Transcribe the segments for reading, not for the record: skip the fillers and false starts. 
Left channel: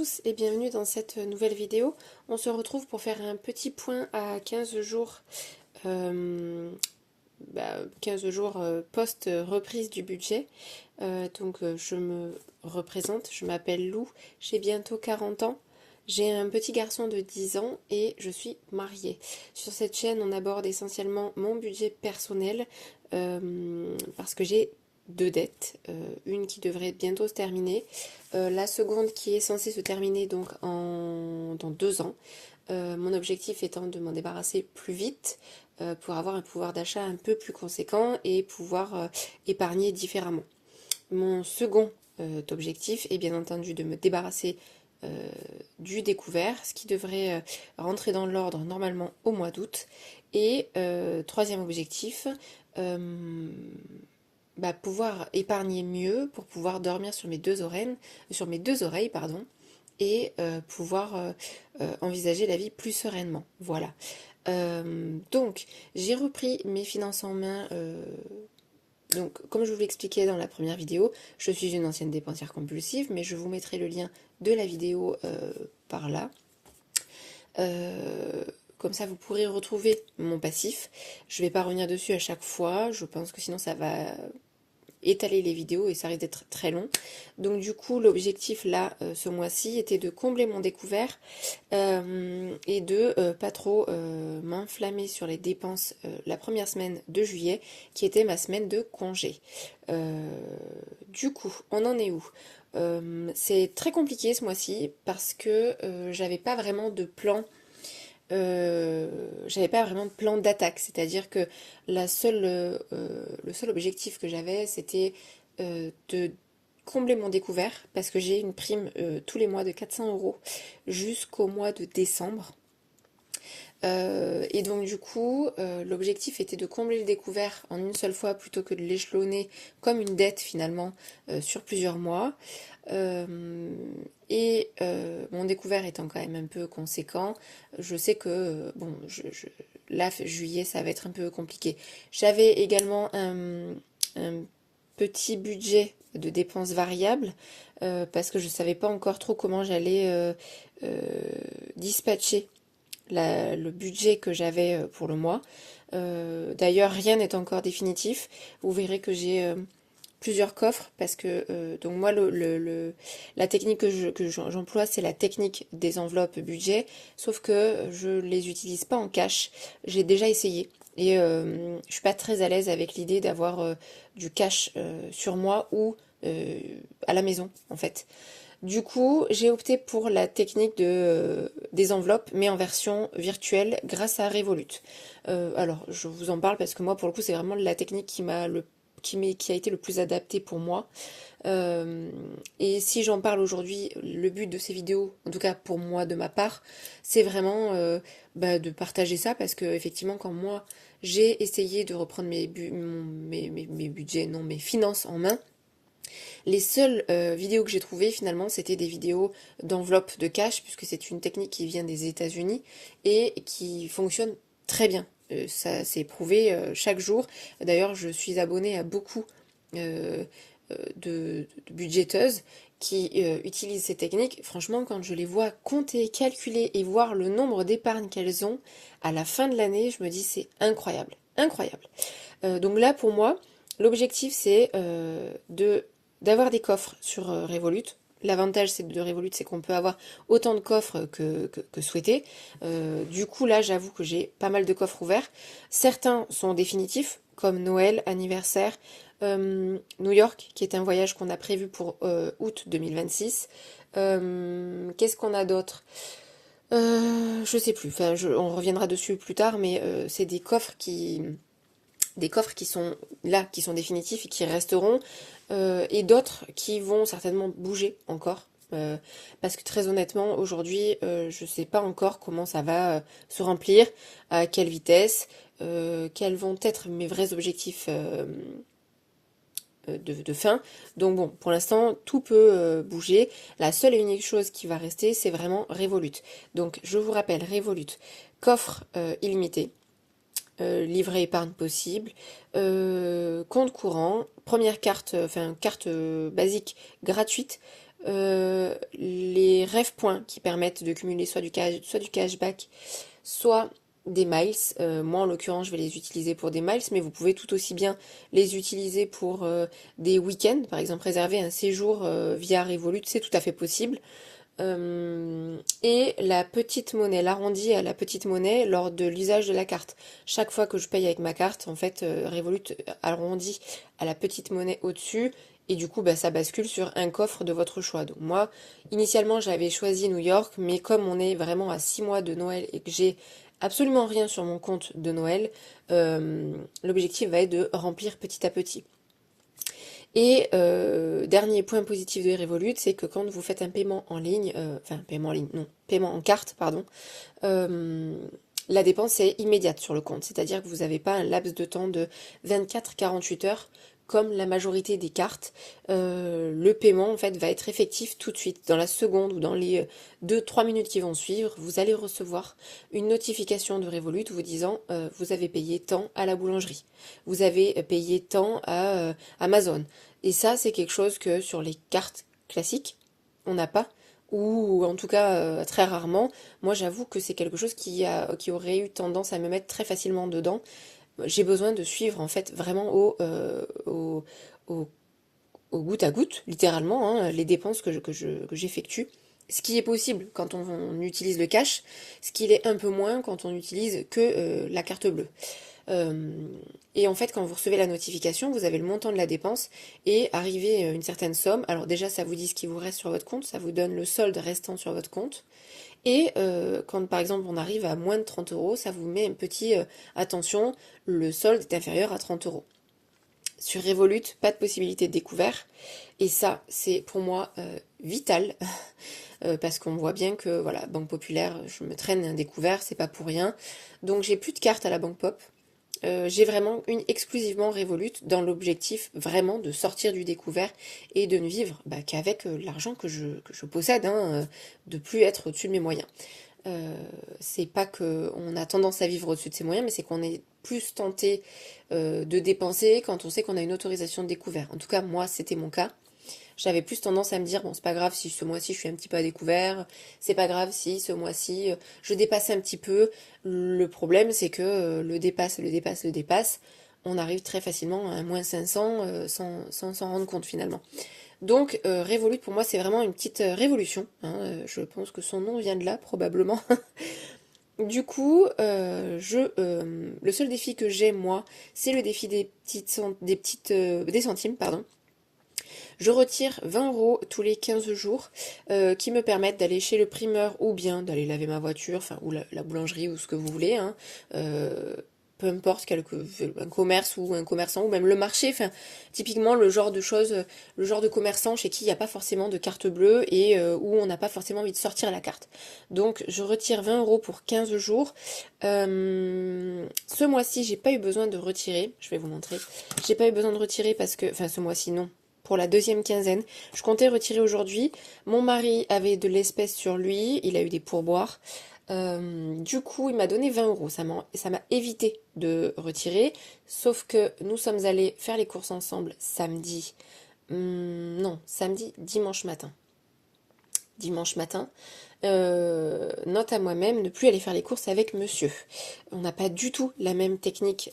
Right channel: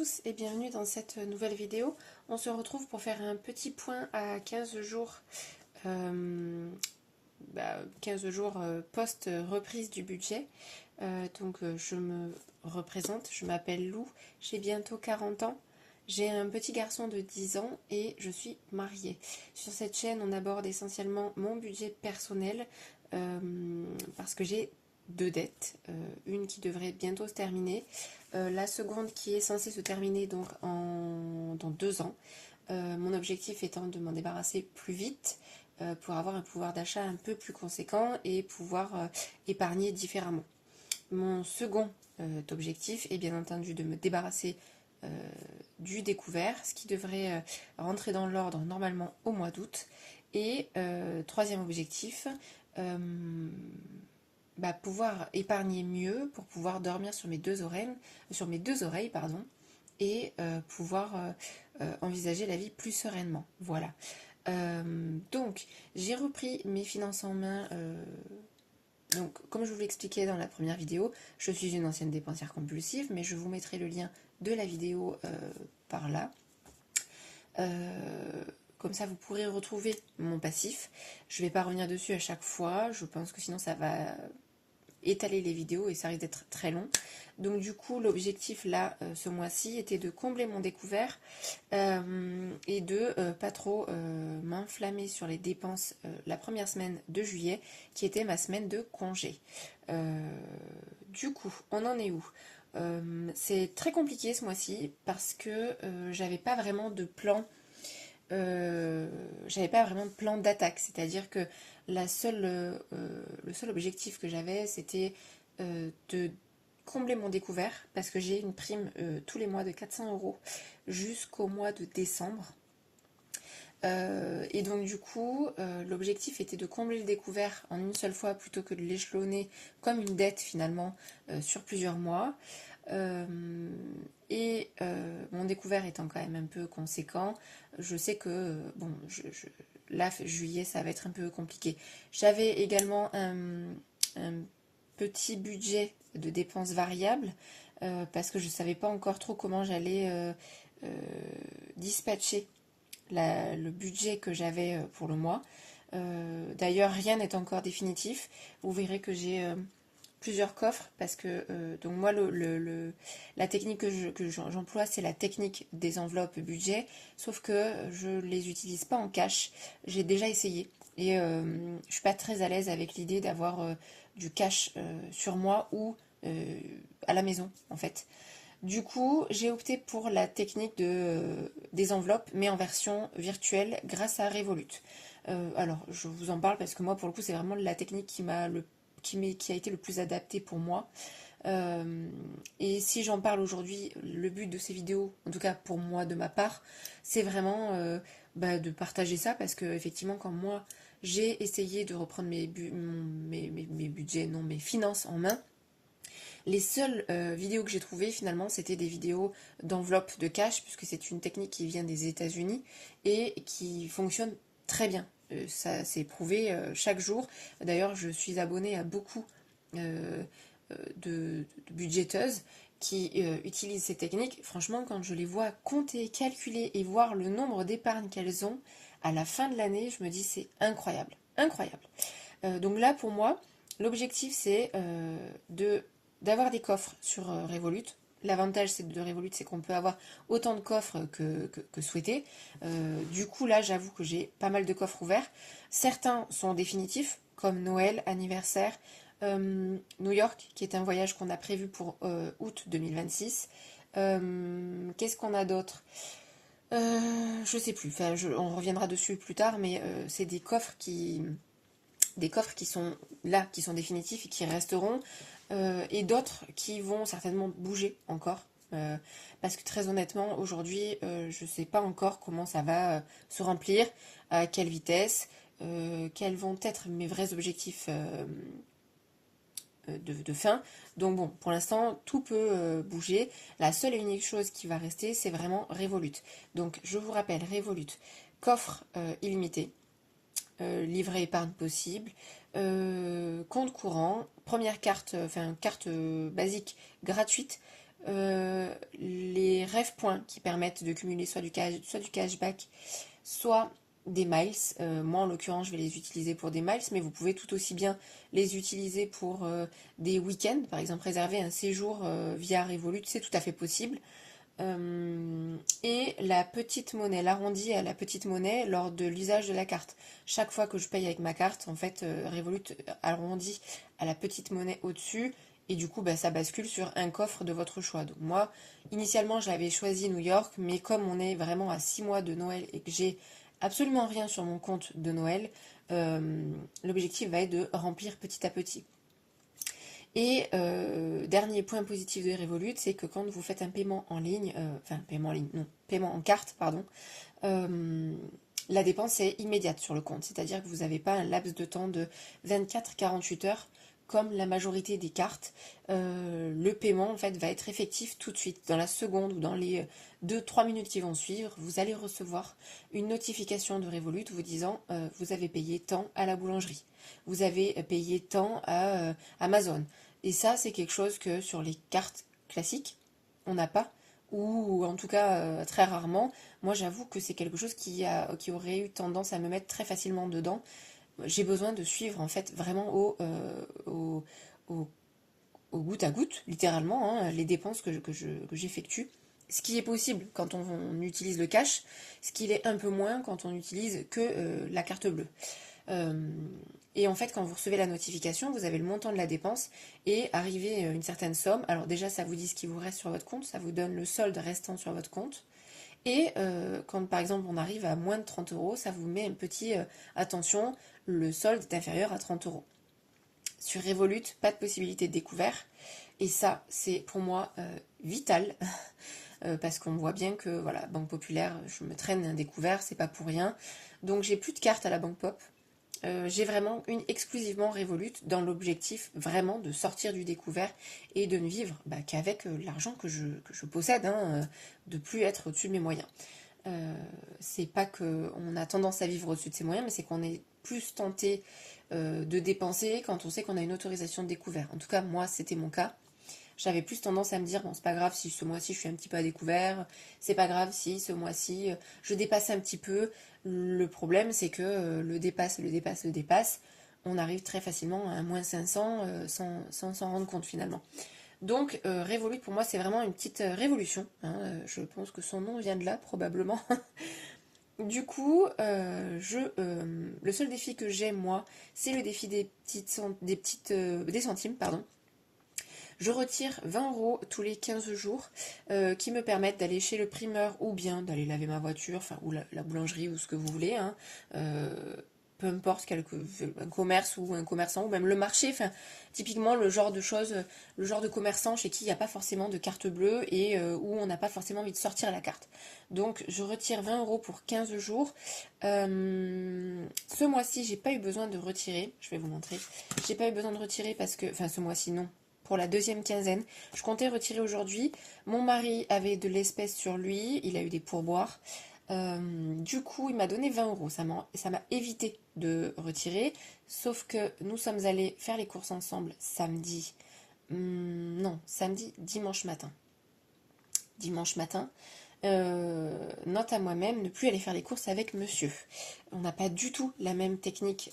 tous et bienvenue dans cette nouvelle vidéo. On se retrouve pour faire un petit point à 15 jours, 15 jours post-reprise du budget. Je me représente, je m'appelle Lou, j'ai bientôt 40 ans. J'ai un petit garçon de 10 ans et je suis mariée. Sur cette chaîne, on aborde essentiellement mon budget personnel parce que j'ai deux dettes. Une qui devrait bientôt se terminer, la seconde qui est censée se terminer donc dans 2 ans. Mon objectif étant de m'en débarrasser plus vite pour avoir un pouvoir d'achat un peu plus conséquent et pouvoir épargner différemment. Mon second objectif est bien entendu de me débarrasser du découvert, ce qui devrait rentrer dans l'ordre normalement au mois d'août. Et troisième objectif, pouvoir épargner mieux pour pouvoir dormir sur mes deux oreilles, pardon, et pouvoir envisager la vie plus sereinement. Voilà. Donc, j'ai repris mes finances en main. Donc, comme je vous l'expliquais dans la première vidéo, je suis une ancienne dépensière compulsive, mais je vous mettrai le lien de la vidéo par là. Comme ça, vous pourrez retrouver mon passif. Je ne vais pas revenir dessus à chaque fois. Je pense que sinon, ça va étaler les vidéos et ça risque d'être très long. Donc du coup, l'objectif là, ce mois-ci, était de combler mon découvert et de pas trop m'enflammer sur les dépenses la première semaine de juillet, qui était ma semaine de congé. Du coup, on en est où? C'est très compliqué ce mois-ci parce que j'avais pas vraiment de plan. J'avais pas vraiment de plan d'attaque, c'est-à-dire que le seul objectif que j'avais, c'était de combler mon découvert, parce que j'ai une prime tous les mois de 400 € jusqu'au mois de décembre. Et donc du coup, l'objectif était de combler le découvert en une seule fois plutôt que de l'échelonner comme une dette finalement sur plusieurs mois. Mon découvert étant quand même un peu conséquent, je sais que là, juillet, ça va être un peu compliqué. J'avais également un petit budget de dépenses variables parce que je ne savais pas encore trop comment j'allais dispatcher le budget que j'avais pour le mois. D'ailleurs, rien n'est encore définitif. Vous verrez que j'ai plusieurs coffres parce que donc moi la technique que j'emploie, c'est la technique des enveloppes budget, sauf que je les utilise pas en cash. J'ai déjà essayé et je suis pas très à l'aise avec l'idée d'avoir du cash sur moi ou à la maison en fait. Du coup, j'ai opté pour la technique des enveloppes, mais en version virtuelle grâce à Revolut. Alors, je vous en parle parce que moi, pour le coup, c'est vraiment la technique qui a été le plus adaptée pour moi. Et si j'en parle aujourd'hui, le but de ces vidéos, en tout cas pour moi de ma part, c'est vraiment de partager ça parce que effectivement, quand moi j'ai essayé de reprendre mes budgets, non, mes finances en main, les seules vidéos que j'ai trouvées finalement, c'était des vidéos d'enveloppe de cash, puisque c'est une technique qui vient des États-Unis et qui fonctionne très bien. Ça s'est prouvé chaque jour. D'ailleurs, je suis abonnée à beaucoup de budgéteuses qui utilisent ces techniques. Franchement, quand je les vois compter, calculer et voir le nombre d'épargnes qu'elles ont à la fin de l'année, je me dis c'est incroyable, incroyable. Donc là, pour moi, l'objectif c'est d'avoir des coffres sur Revolut. L'avantage de Revolut, c'est qu'on peut avoir autant de coffres que souhaité. Du coup, là, j'avoue que j'ai pas mal de coffres ouverts. Certains sont définitifs, comme Noël, anniversaire, New York, qui est un voyage qu'on a prévu pour août 2026. Qu'est-ce qu'on a d'autre? Je sais plus, enfin, on reviendra dessus plus tard, mais c'est des coffres qui sont là, qui sont définitifs et qui resteront, et d'autres qui vont certainement bouger encore. Parce que très honnêtement, aujourd'hui, je ne sais pas encore comment ça va se remplir, à quelle vitesse, quels vont être mes vrais objectifs de fin. Donc bon, pour l'instant, tout peut bouger. La seule et unique chose qui va rester, c'est vraiment Revolut. Donc je vous rappelle, Revolut, coffre illimité. Livret épargne possible, compte courant, première carte, carte basique gratuite, Les rêves points qui permettent de cumuler soit du cashback, soit des miles. Moi, en l'occurrence, je vais les utiliser pour des miles, mais vous pouvez tout aussi bien les utiliser pour des week-ends. Par exemple, réserver un séjour via Revolut, c'est tout à fait possible. Et la petite monnaie, l'arrondi à la petite monnaie lors de l'usage de la carte. Chaque fois que je paye avec ma carte, en fait, Revolut arrondit à la petite monnaie au-dessus. Et du coup, bah, ça bascule sur un coffre de votre choix. Donc moi, initialement, j'avais choisi New York, mais comme on est vraiment à 6 mois de Noël et que j'ai absolument rien sur mon compte de Noël, l'objectif va être de remplir petit à petit. Et dernier point positif de Revolut, c'est que quand vous faites un paiement en ligne, enfin paiement en ligne, non, paiement en carte, pardon, euh, la dépense est immédiate sur le compte. C'est-à-dire que vous n'avez pas un laps de temps de 24-48 heures comme la majorité des cartes. Le paiement en fait va être effectif tout de suite. Dans la seconde ou dans les 2-3 minutes qui vont suivre, vous allez recevoir une notification de Revolut vous disant vous avez payé tant à la boulangerie, vous avez payé tant à Amazon. Et ça, c'est quelque chose que sur les cartes classiques, on n'a pas, ou en tout cas très rarement. Moi, j'avoue que c'est quelque chose qui aurait eu tendance à me mettre très facilement dedans. J'ai besoin de suivre en fait vraiment au, au goutte à goutte, littéralement, hein, les dépenses que j'effectue. Ce qui est possible quand on utilise le cash, ce qui l'est un peu moins quand on utilise que la carte bleue. Euh, et en fait, quand vous recevez la notification, vous avez le montant de la dépense et arrivé à une certaine somme. Alors déjà, ça vous dit ce qui vous reste sur votre compte, ça vous donne le solde restant sur votre compte. Et quand par exemple on arrive à moins de 30 euros, ça vous met un petit attention, le solde est inférieur à 30 euros. Sur Revolut, pas de possibilité de découvert. Et ça, c'est pour moi vital. Parce qu'on voit bien que, voilà, Banque Populaire, je me traîne un découvert, c'est pas pour rien. Donc j'ai plus de cartes à la Banque Pop. J'ai vraiment une exclusivement Revolut dans l'objectif vraiment de sortir du découvert et de ne vivre bah, qu'avec l'argent que je possède, hein, de plus être au-dessus de mes moyens. Euh, c'est pas qu'on a tendance à vivre au-dessus de ses moyens, mais c'est qu'on est plus tenté de dépenser quand on sait qu'on a une autorisation de découvert. En tout cas, moi, c'était mon cas. J'avais plus tendance à me dire, bon, c'est pas grave si ce mois-ci je suis un petit peu à découvert, c'est pas grave si ce mois-ci je dépasse un petit peu. Le problème, c'est que le dépasse, on arrive très facilement à un moins 500 sans s'en rendre compte finalement. Donc, Revolut, pour moi, c'est vraiment une petite révolution, hein, je pense que son nom vient de là, probablement. Du coup, le seul défi que j'ai, moi, c'est le défi des centimes, pardon. Je retire 20 euros tous les 15 jours qui me permettent d'aller chez le primeur ou bien d'aller laver ma voiture, enfin, ou la boulangerie ou ce que vous voulez, hein, peu importe un commerce ou un commerçant ou même le marché, enfin, typiquement le genre de choses, le genre de commerçant chez qui il n'y a pas forcément de carte bleue et où on n'a pas forcément envie de sortir la carte. Donc je retire 20 euros pour 15 jours. Ce mois-ci, j'ai pas eu besoin de retirer, je vais vous montrer. J'ai pas eu besoin de retirer parce que, enfin ce mois-ci non, pour la deuxième quinzaine. Je comptais retirer aujourd'hui. Mon mari avait de l'espèce sur lui, il a eu des pourboires. Du coup, il m'a donné 20 euros. Ça m'a évité de retirer. Sauf que nous sommes allés faire les courses ensemble samedi. Non, samedi, dimanche matin. Dimanche matin. Note à moi-même, ne plus aller faire les courses avec monsieur. On n'a pas du tout la même technique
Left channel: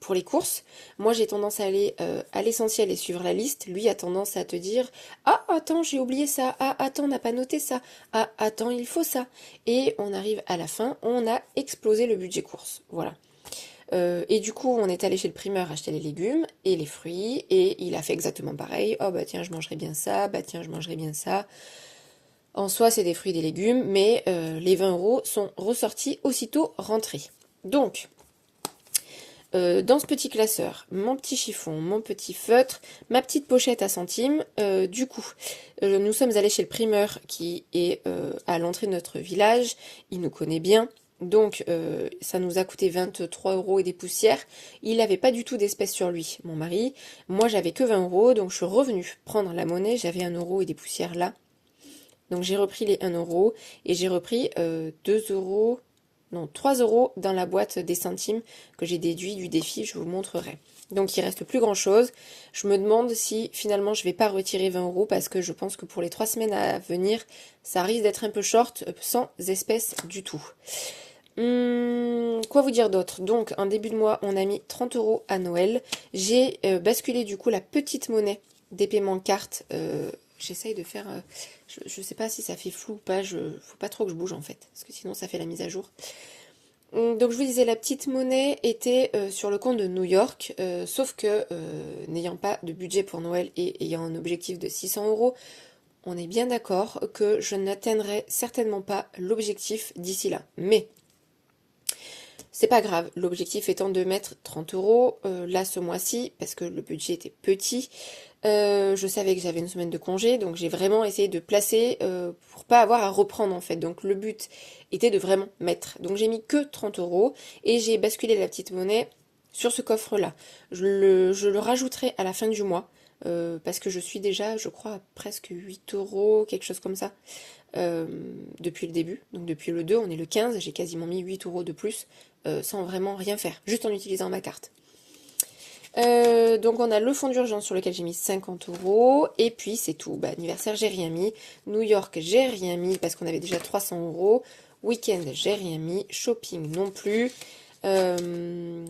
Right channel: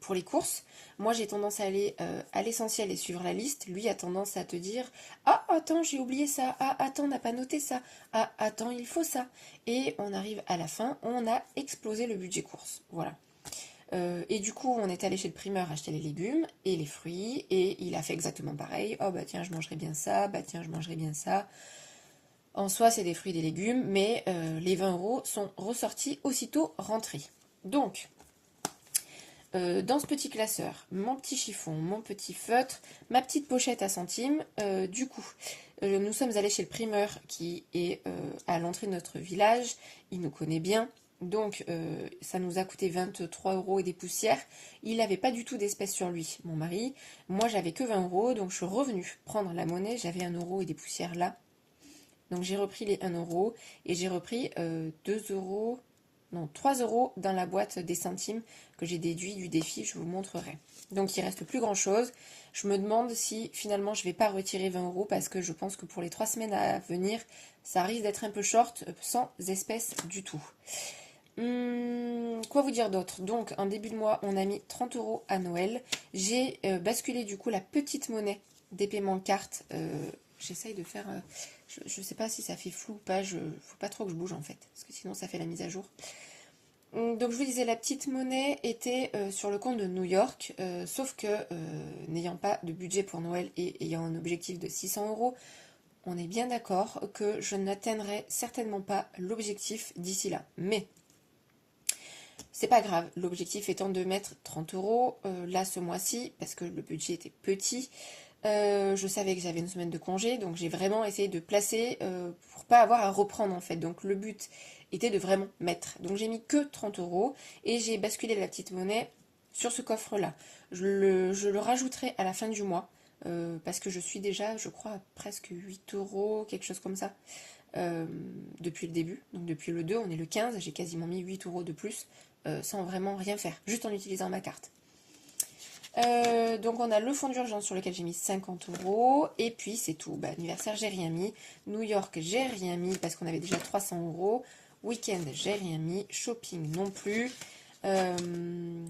pour les courses. Moi, j'ai tendance à aller à l'essentiel et suivre la liste. Lui a tendance à te dire ah, attends, j'ai oublié ça. Ah, attends, on n'a pas noté ça. Ah, attends, il faut ça. Et on arrive à la fin, on a explosé le budget course. Voilà. Et du coup, on est allé chez le primeur acheter les légumes et les fruits. Et il a fait exactement pareil. Oh, bah tiens, je mangerai bien ça. Bah tiens, je mangerai bien ça. En soi, c'est des fruits et des légumes, mais les 20 euros sont ressortis aussitôt rentrés. Donc, dans ce petit classeur, mon petit chiffon, mon petit feutre, ma petite pochette à centimes. Du coup, nous sommes allés chez le primeur qui est à l'entrée de notre village. Il nous connaît bien. Donc, ça nous a coûté 23 euros et des poussières. Il n'avait pas du tout d'espèces sur lui, mon mari. Moi, j'avais que 20 euros, donc je suis revenue prendre la monnaie. J'avais 1 euro et des poussières là. Donc, j'ai repris les 1 euro et j'ai repris 2 euros, non, 3 euros dans la boîte des centimes que j'ai déduit du défi, je vous montrerai. Donc il reste plus grand chose. Je me demande si finalement je vais pas retirer 20 euros parce que je pense que pour les 3 semaines à venir, ça risque d'être un peu short sans espèces du tout. Quoi vous dire d'autre? Donc en début de mois, on a mis 30 euros à Noël. J'ai basculé du coup la petite monnaie des paiements cartes. J'essaye de faire... je sais pas si ça fait flou ou pas. Faut pas trop que je bouge en fait. Parce que sinon ça fait la mise à jour. Donc je vous disais, la petite monnaie était sur le compte de New York, sauf que n'ayant pas de budget pour Noël et ayant un objectif de 600 euros, on est bien d'accord que je n'atteindrai certainement pas l'objectif d'ici là. Mais c'est pas grave, l'objectif étant de mettre 30 euros là ce mois-ci, parce que le budget était petit. Je savais que j'avais une semaine de congé, donc j'ai vraiment essayé de placer pour pas avoir à reprendre en fait. Donc le but était de vraiment mettre. Donc j'ai mis que 30 euros et j'ai basculé la petite monnaie sur ce coffre-là. Je le rajouterai à la fin du mois parce que je suis déjà, je crois, à presque 8 euros, quelque chose comme ça, depuis le début. Donc depuis le 2, on est le 15, j'ai quasiment mis 8 euros de plus sans vraiment rien faire, juste en utilisant ma carte. Donc on a le fonds d'urgence sur lequel j'ai mis 50 euros. Et puis c'est tout. Bah, anniversaire, j'ai rien mis. New York, j'ai rien mis parce qu'on avait déjà 300 euros. Week-end, j'ai rien mis. Shopping non plus.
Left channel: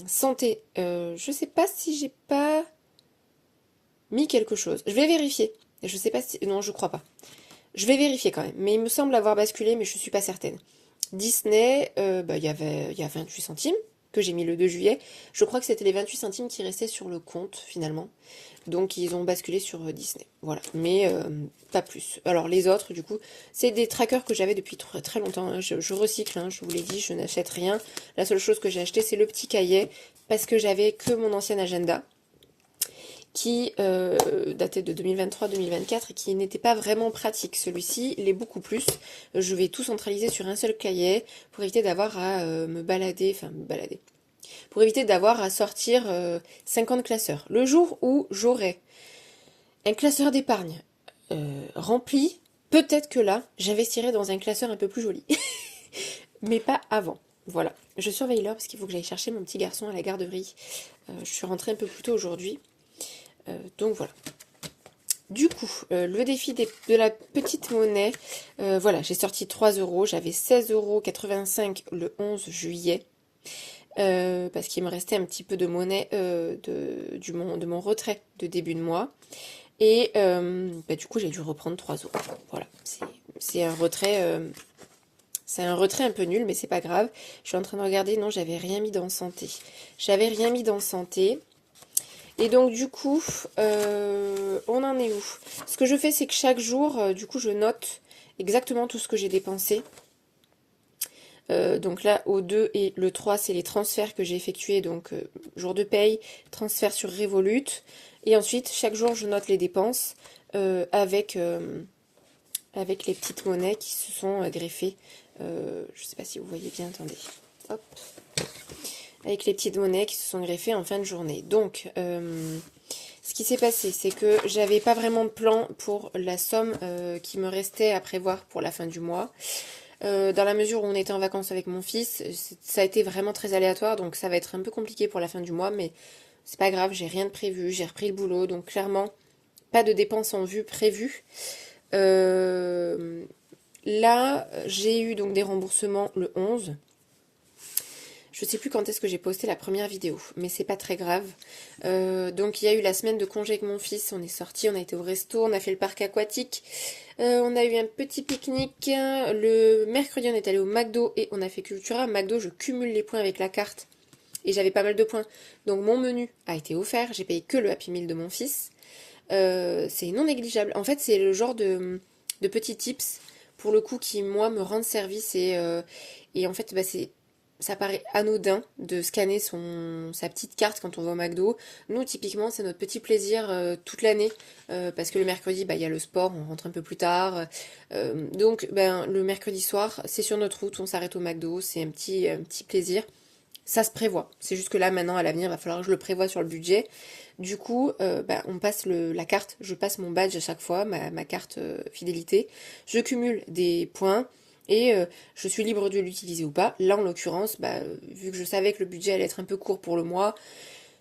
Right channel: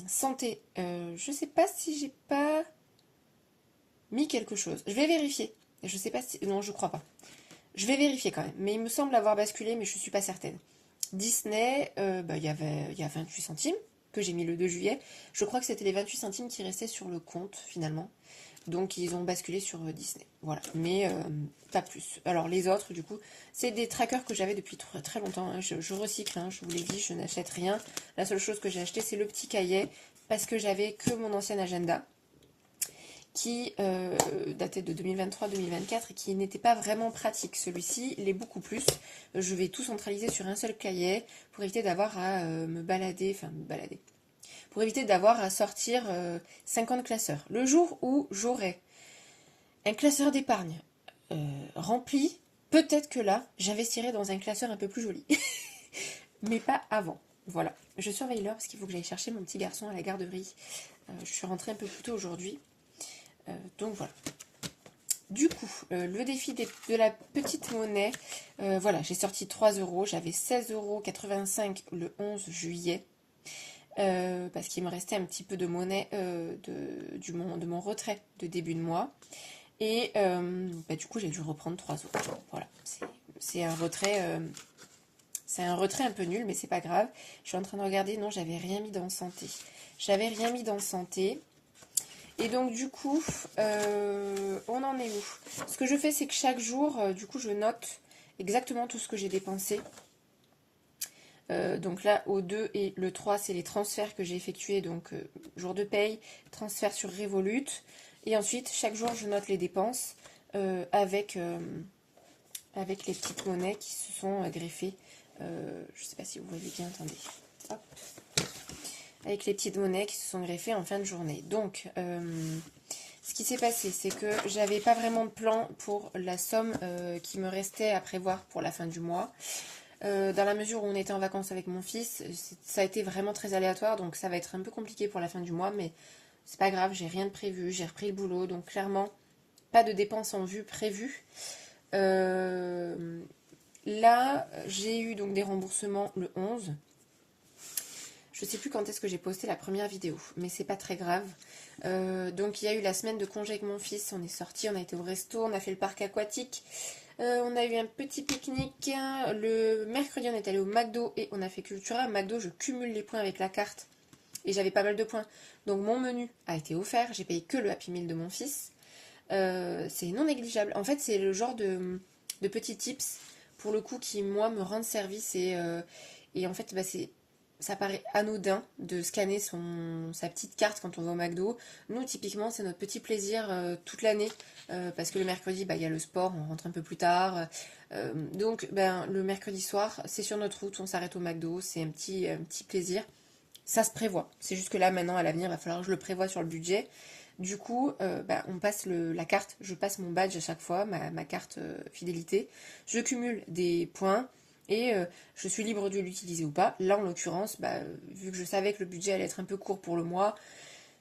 Santé, je sais pas si j'ai pas mis quelque chose. Je vais vérifier. Je sais pas si... Non, je crois pas. Je vais vérifier quand même. Mais il me semble avoir basculé, mais je suis pas certaine. Disney, bah, il y a 28 centimes que j'ai mis le 2 juillet. Je crois que c'était les 28 centimes qui restaient sur le compte finalement. Donc ils ont basculé sur Disney. Voilà, mais pas plus. Alors les autres, du coup, c'est des trackers que j'avais depuis très, très longtemps. Hein. Je recycle, hein, je vous l'ai dit, je n'achète rien. La seule chose que j'ai acheté, c'est le petit cahier parce que j'avais que mon ancien agenda qui datait de 2023-2024 et qui n'était pas vraiment pratique. Celui-ci l'est beaucoup plus. Je vais tout centraliser sur un seul cahier pour éviter d'avoir à me balader, pour éviter d'avoir à sortir 50 classeurs. Le jour où j'aurai un classeur d'épargne rempli, peut-être que là, j'investirai dans un classeur un peu plus joli. Mais pas avant. Voilà. Je surveille l'heure parce qu'il faut que j'aille chercher mon petit garçon à la garderie. Je suis rentrée un peu plus tôt aujourd'hui. Donc voilà. Du coup, le défi de la petite monnaie, voilà, j'ai sorti 3 euros, j'avais 16,85 € le 11 juillet, parce qu'il me restait un petit peu de monnaie de mon retrait de début de mois. Et bah, du coup, j'ai dû reprendre 3 euros. Voilà, c'est un retrait... c'est un retrait un peu nul, mais c'est pas grave. Je suis en train de regarder, non, j'avais rien mis dans santé. J'avais rien mis dans santé. Et donc du coup, on en est où? Ce que je fais, c'est que chaque jour, du coup, je note exactement tout ce que j'ai dépensé. Donc là, au 2 et le 3, c'est les transferts que j'ai effectués. Donc jour de paye, transfert sur Revolut. Et ensuite, chaque jour, je note les dépenses avec les petites monnaies qui se sont greffées. Je ne sais pas si vous voyez bien, attendez. Hop. Avec les petites monnaies qui se sont greffées en fin de journée. Donc, ce qui s'est passé, c'est que j'avais pas vraiment de plan pour la somme qui me restait à prévoir pour la fin du mois. Dans la mesure où on était en vacances avec mon fils, ça a été vraiment très aléatoire, donc ça va être un peu compliqué pour la fin du mois, mais c'est pas grave, j'ai rien de prévu, j'ai repris le boulot, donc clairement, pas de dépenses en vue prévues. Là, j'ai eu donc des remboursements le 11. Je sais plus quand est-ce que j'ai posté la première vidéo, mais c'est pas très grave. Donc il y a eu la semaine de congé avec mon fils, on est sorti, on a été au resto, on a fait le parc aquatique, on a eu un petit pique-nique. Le mercredi, on est allé au McDo et on a fait Cultura. McDo, je cumule les points avec la carte et j'avais pas mal de points. Donc mon menu a été offert, j'ai payé que le Happy Meal de mon fils. C'est non négligeable. En fait, c'est le genre de petits tips, pour le coup, qui, moi, me rendent service. Et en fait, bah, ça paraît anodin de scanner sa petite carte quand on va au McDo. Nous, typiquement, c'est notre petit plaisir toute l'année. Parce que le mercredi, bah, il y a le sport, on rentre un peu plus tard. Donc, ben, le mercredi soir, c'est sur notre route, on s'arrête au McDo. C'est un petit plaisir. Ça se prévoit. C'est juste que là, maintenant, à l'avenir, il va falloir que je le prévoie sur le budget. Du coup, bah, on passe la carte. Je passe mon badge à chaque fois, ma carte fidélité. Je cumule des points et je suis libre de l'utiliser ou pas. Là, en l'occurrence, bah, vu que je savais que le budget allait être un peu court pour le mois,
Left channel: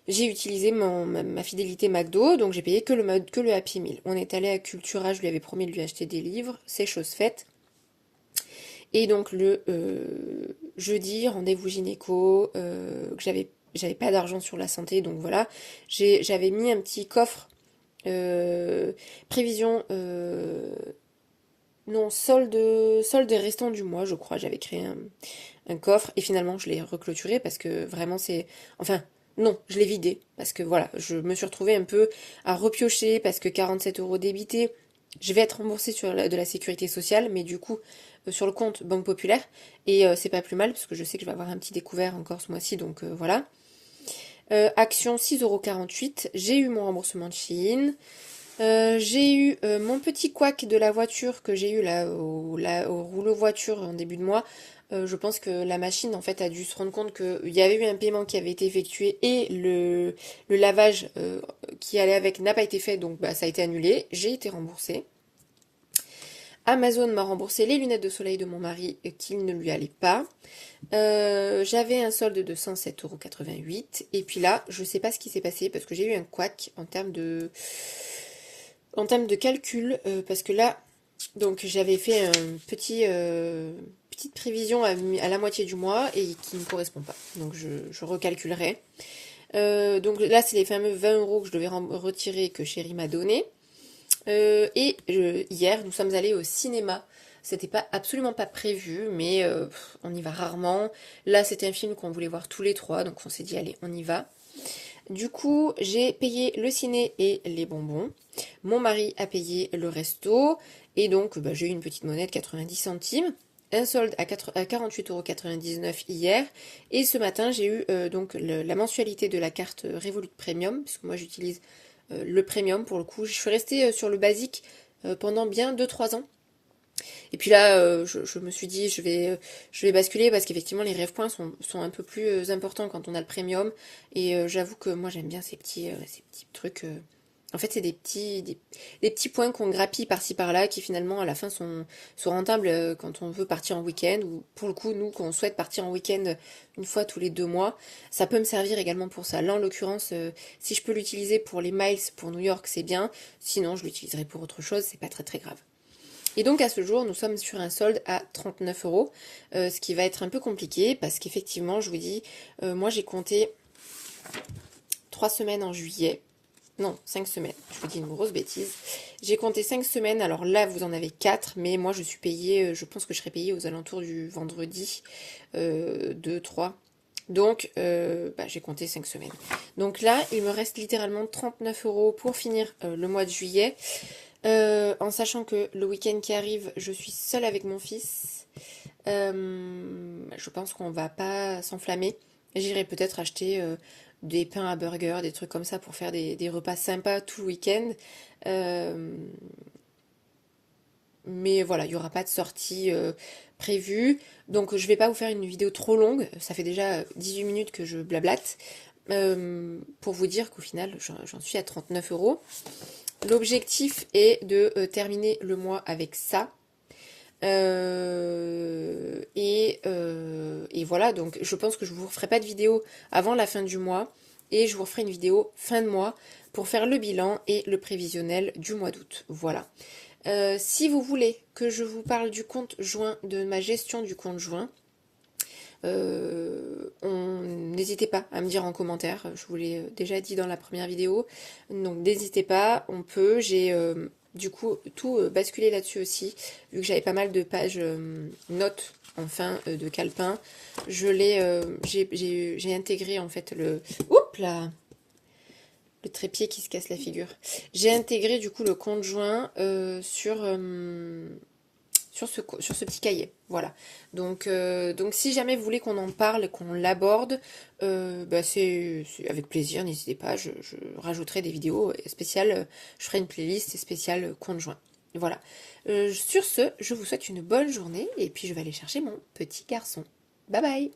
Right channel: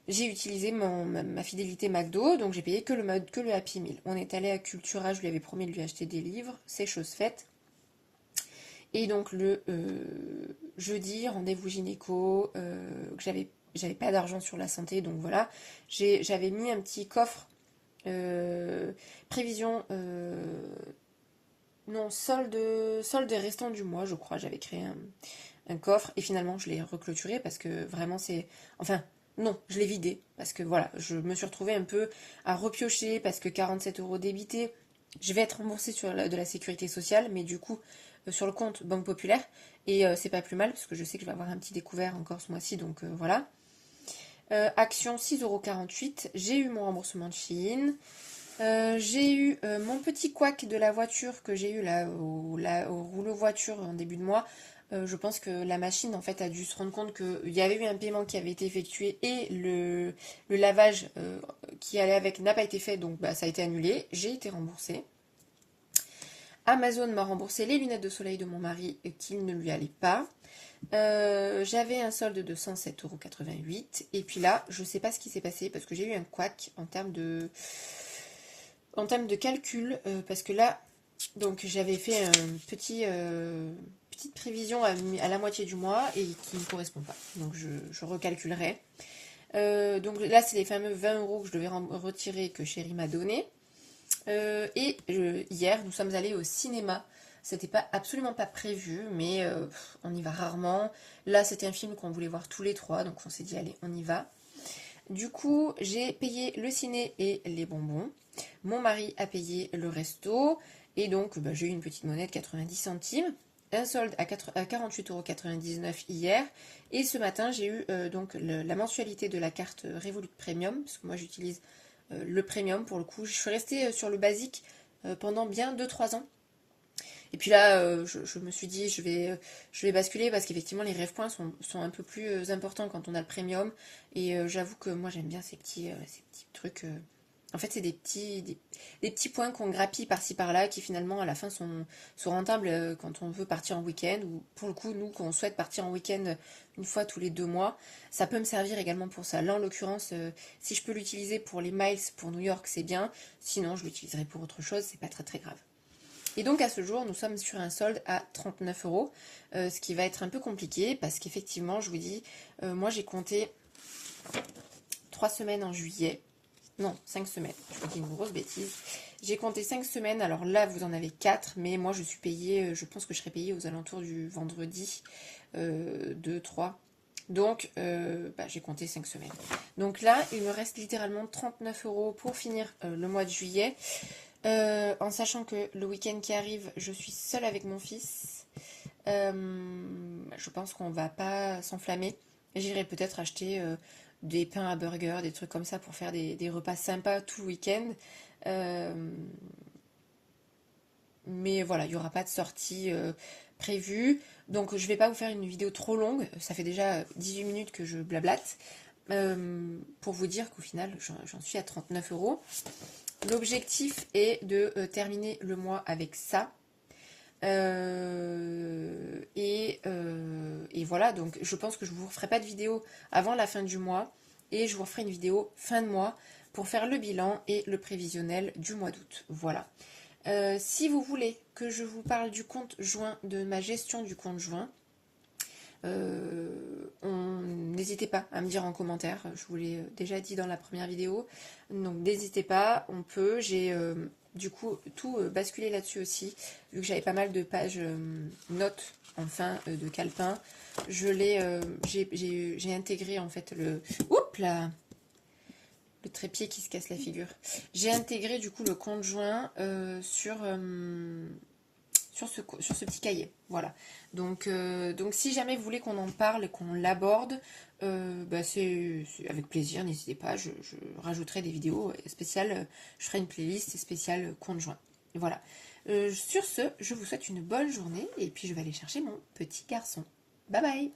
j'ai utilisé ma fidélité McDo, donc j'ai payé que le Happy Meal. On est allé à Cultura, je lui avais promis de lui acheter des livres, c'est chose faite. Et donc le jeudi, rendez-vous gynéco, que j'avais pas d'argent sur la santé, donc voilà. J'avais mis un petit coffre euh, prévision, non, solde restant du mois, je crois. J'avais créé un coffre et finalement je l'ai reclôturé parce que vraiment c'est... Enfin, non, je l'ai vidé parce que voilà, je me suis retrouvée un peu à repiocher parce que 47 euros débités, je vais être remboursée de la sécurité sociale, mais du coup sur le compte Banque Populaire et c'est pas plus mal parce que je sais que je vais avoir un petit découvert encore ce mois-ci, donc voilà. Action 6,48 €, j'ai eu mon remboursement de Shein. J'ai eu mon petit couac de la voiture que j'ai eu là au rouleau voiture en début de mois. Je pense que la machine en fait a dû se rendre compte qu'il y avait eu un paiement qui avait été effectué et le lavage qui allait avec n'a pas été fait, donc bah, ça a été annulé. J'ai été remboursée. Amazon m'a remboursé les lunettes de soleil de mon mari qui ne lui allaient pas. J'avais un solde de 107,88 €. Et puis là, je sais pas ce qui s'est passé parce que j'ai eu un couac en termes de calcul, parce que là, donc j'avais fait petite prévision à la moitié du mois et qui ne correspond pas. Donc je recalculerai. Donc là, c'est les fameux 20 € que je devais retirer que Chéri m'a donné. Hier, nous sommes allés au cinéma. C'était pas absolument pas prévu, mais on y va rarement. Là, c'était un film qu'on voulait voir tous les trois, donc on s'est dit allez, on y va. Du coup, j'ai payé le ciné et les bonbons. Mon mari a payé le resto. Et donc, bah, j'ai eu une petite monnaie de 90 centimes. Un solde à 48,99 € hier. Et ce matin, j'ai eu donc la mensualité de la carte Revolut Premium, puisque moi j'utilise le Premium pour le coup. Je suis restée sur le basique pendant bien 2-3 ans. Et puis là, je me suis dit, je vais basculer parce qu'effectivement, les rêves points sont un peu plus importants quand on a le premium. Et j'avoue que moi, j'aime bien ces petits trucs. En fait, c'est des petits points qu'on grappille par-ci par-là qui finalement, à la fin, sont rentables quand on veut partir en week-end. Ou pour le coup, nous, quand on souhaite partir en week-end une fois tous les 2 mois, ça peut me servir également pour ça. Là, en l'occurrence, si je peux l'utiliser pour les miles pour New York, c'est bien. Sinon, je l'utiliserai pour autre chose, c'est pas très très grave. Et donc à ce jour, nous sommes sur un solde à 39 €, ce qui va être un peu compliqué parce qu'effectivement, je vous dis, moi j'ai compté 3 semaines en juillet. Non, 5 semaines. Je vous dis une grosse bêtise. J'ai compté 5 semaines. Alors là, vous en avez 4. Mais moi, je suis payée, je pense que je serai payée aux alentours du vendredi 2, 3. Donc, bah, j'ai compté 5 semaines. Donc là, il me reste littéralement 39 € pour finir le mois de juillet. En sachant que le week-end qui arrive, je suis seule avec mon fils. Je pense qu'on va pas s'enflammer. J'irai peut-être acheter des pains à burger, des trucs comme ça pour faire des repas sympas tout le week-end. Euh, mais voilà, il n'y aura pas de sortie prévue. Donc je vais pas vous faire une vidéo trop longue. Ça fait déjà 18 minutes que je blablate. Pour vous dire qu'au final, j'en suis à 39 €. L'objectif est de terminer le mois avec ça. Et voilà, donc je pense que je ne vous referai pas de vidéo avant la fin du mois. Et je vous referai une vidéo fin de mois pour faire le bilan et le prévisionnel du mois d'août. Voilà. Si vous voulez que je vous parle du compte joint, de ma gestion du compte joint, n'hésitez pas à me dire en commentaire, je vous l'ai déjà dit dans la première vidéo, donc n'hésitez pas, on peut, j'ai du coup tout basculé là-dessus aussi, vu que j'avais pas mal de pages notes en fin de calepin, j'ai intégré en fait oups là, le trépied qui se casse la figure, j'ai intégré du coup le compte joint sur ce petit cahier. Voilà. Donc si jamais vous voulez qu'on en parle, qu'on l'aborde, bah c'est avec plaisir, n'hésitez pas, je rajouterai des vidéos spéciales, je ferai une playlist spéciale compte joint. Voilà. Sur ce, je vous souhaite une bonne journée et puis je vais aller chercher mon petit garçon. Bye bye!